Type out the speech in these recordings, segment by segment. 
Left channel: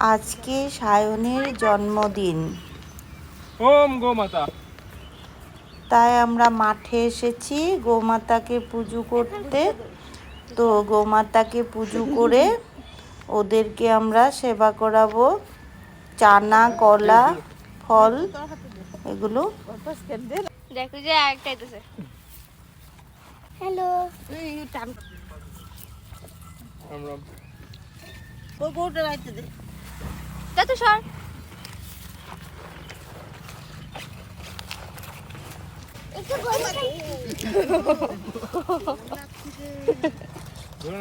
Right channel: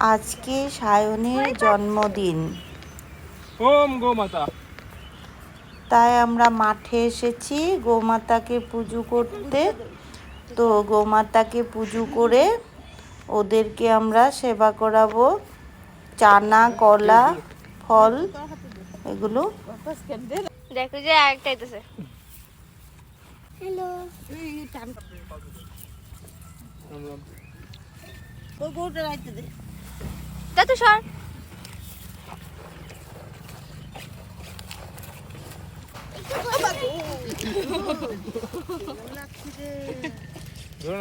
আজকে সায়নের জন্মদিন। ওম গোমাতা। তাই আমরা মাঠে এসেছি গোমাতাকে পুজো করতে। তো গোমাতাকে পুজো করে ওদেরকে আমরা সেবা করাবো। চানা কলা ফল এগুলো। দেখো যে আরেকটা আইতেছে। হ্যালো রাম রাম যা তো সর ধরো না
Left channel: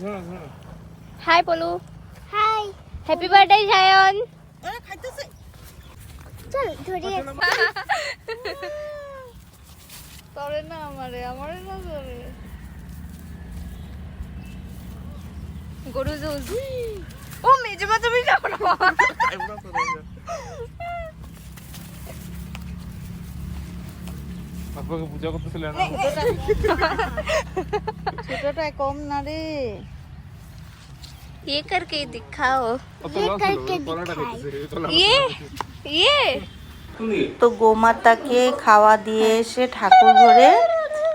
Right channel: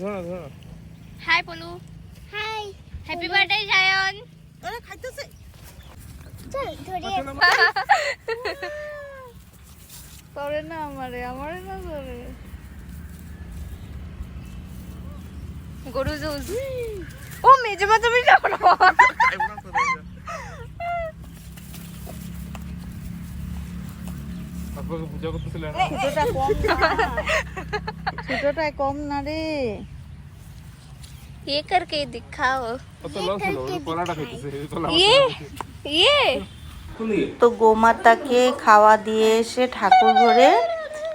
ধরো না high Polu. High. Happy birthday Sayan চল ধরে করে না আমারে আমারে না গরু ও মেজে মা তুমি যাও না আপনাকে পূজা করতেছিলেন ছোটটাই কম না রে ये करके दिखाओ কত লস হলো ওই কলাটা খাইতেছে এই কলা ये ये তো গোমাতাকে খাওয়া দিয়ে এসে ঠাকুর ঘরে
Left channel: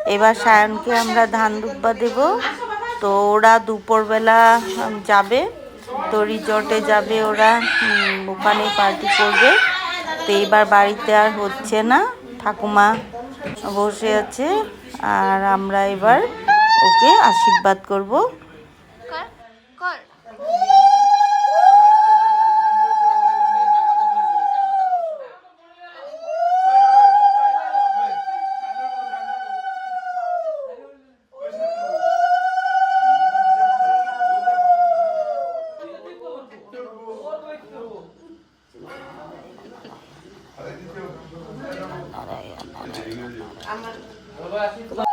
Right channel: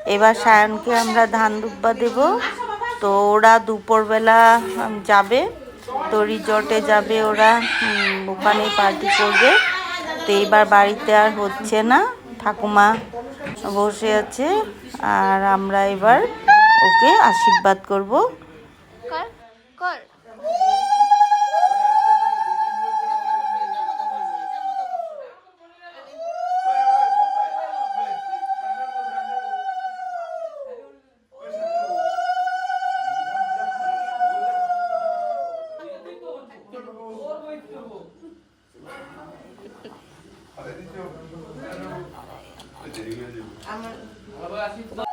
এবার সায়নকে আমরা ধান দুব্বা দেব তো ওরা দুপুরবেলা উম, যাবে তো রিজর্টে যাবে ওরা ওখানেই ওখানে পার্টি করবে। তো এইবার বাড়িতে আর হচ্ছে না, ঠাকুমা বসে আছে, আর আমরা এবার ওকে আশীর্বাদ করব। कर कर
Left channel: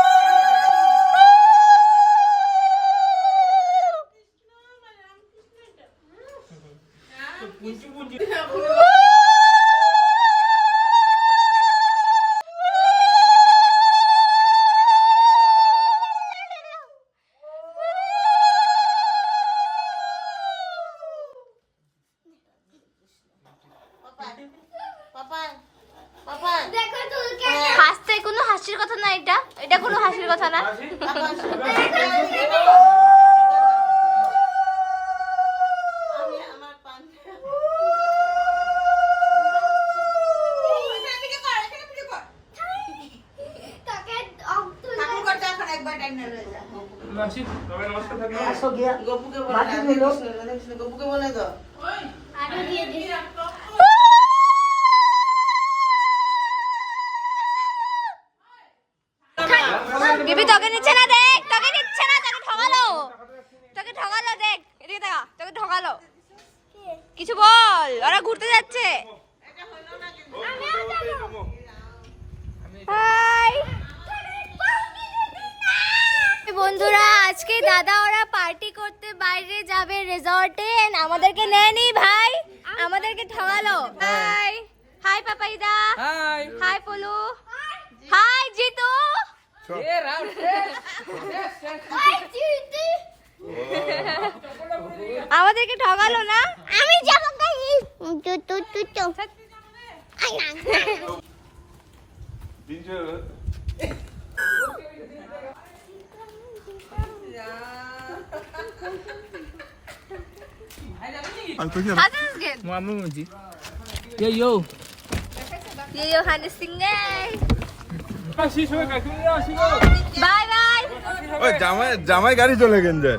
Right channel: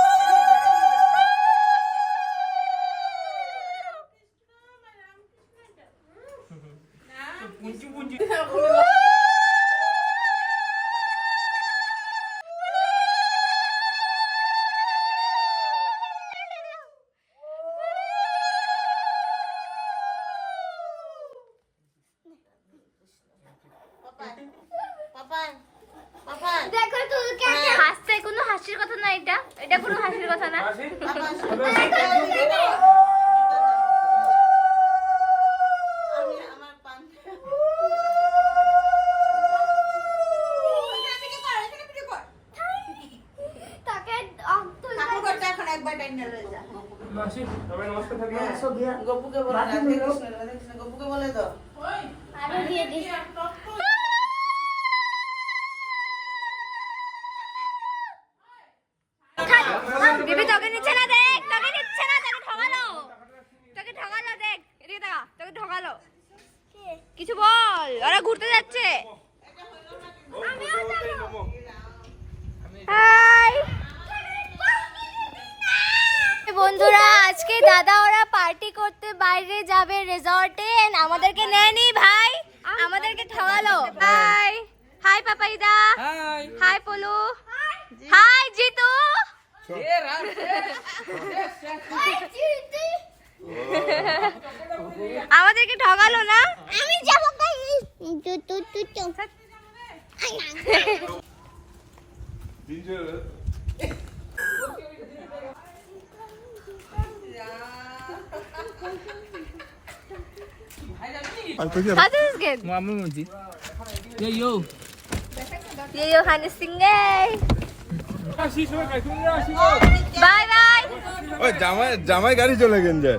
হাসতে কোনো হাসির কথা না এটা? এটা কোনো হাসির কথা না? গপুকে বলে গপুকে বলে দাও তোকে নিচ্ছে না দেখ তোকে নিচ্ছে না তোকে ঠকালো তোকে ঠকালো দেখ এদিকে দেখা তোকে ঠকালো কিছু বল ওরা ঘুরতে যাচ্ছে। হাই। বন্ধুরা আজকে দাদা ওরা পার্টি করতে বাইরে যাবে রিসর্টে আমাদেরকে নেয়নি ভাই আমাদেরকে ঠকালো হাই। হাই পাপাইদা। হাই। হাই পলু। হাই আমাদেরকে ঠকালো না আমি যাব Mama, Yo, yo. Yo, yo, honey, sing, guys. Bye bye. ওই জামাই জামাই গাড়ি চলে গেছে।